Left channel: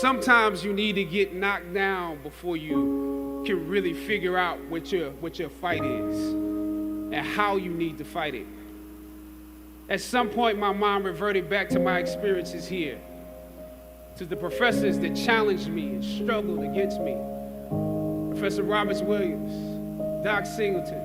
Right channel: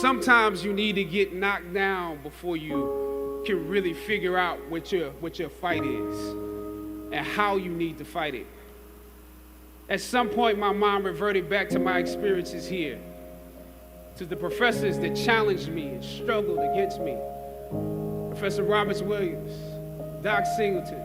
Sometimes you need to get knocked down before you can really figure out what your fight is and how you need to fight it. At some point, my mind reverted back to my experiences here, to the professors that challenged me and struggled against me. Professor Roberts Williams, Doc Singleton,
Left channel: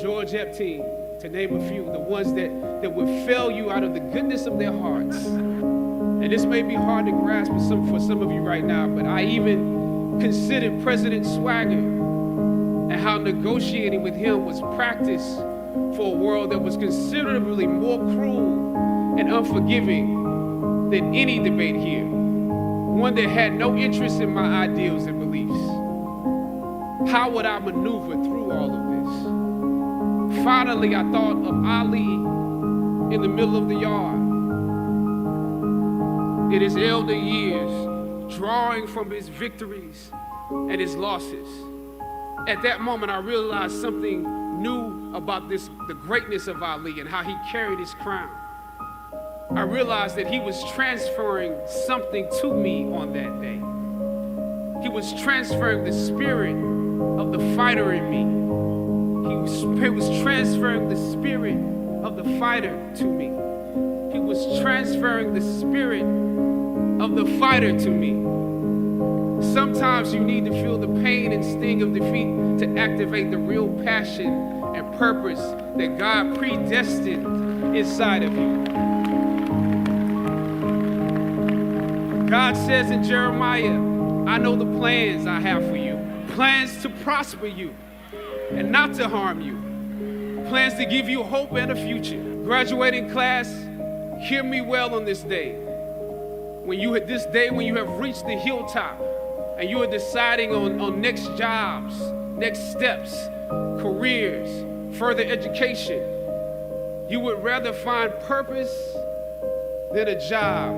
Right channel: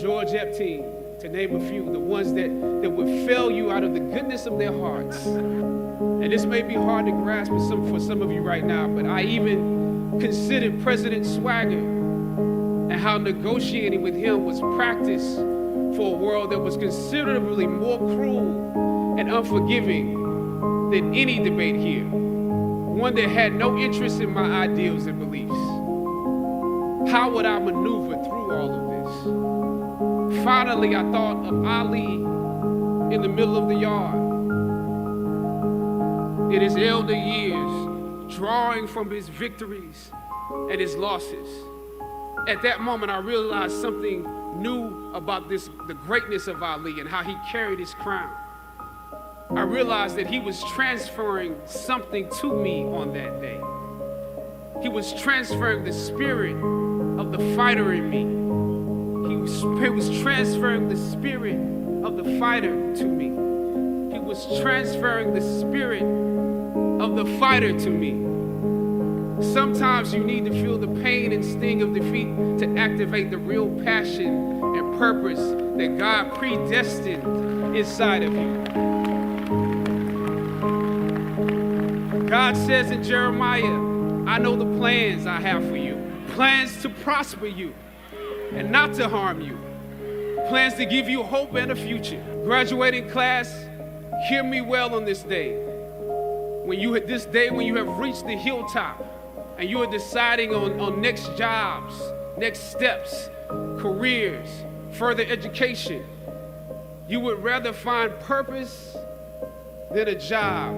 George Epstein, to name a few, the ones that would fail you out of the goodness of their hearts. And this may be hard to grasp for some of you right now, but I even considered President Swagger and how negotiating with him was practice for a world that was considerably more cruel and unforgiving than any debate here, one that had no interest in my ideals and beliefs. How would I maneuver through all of this? Finally, I thought of Ali in the middle of the yard, in his elder years, drawing from his victories and his losses. At that moment, I realized something new about the greatness of Ali and how he carried his crown. I realized that he was transferring something to me on that day. He was transferring the spirit of the fighter in me. He was transferring the spirit of the fighter to me. He was transferring the spirit of the fighter to me. Sometimes you need to feel the pain and sting of defeat to activate the real passion and purpose that God predestined inside of you. God says in Jeremiah, I know the plans I have for you, plans to prosper you and not to harm you, plans to give you hope and a future. Graduating class, hear me well on this day. When you have reached the hilltop and you are deciding on next jobs, next steps, careers, further education, you would rather find purpose than a job.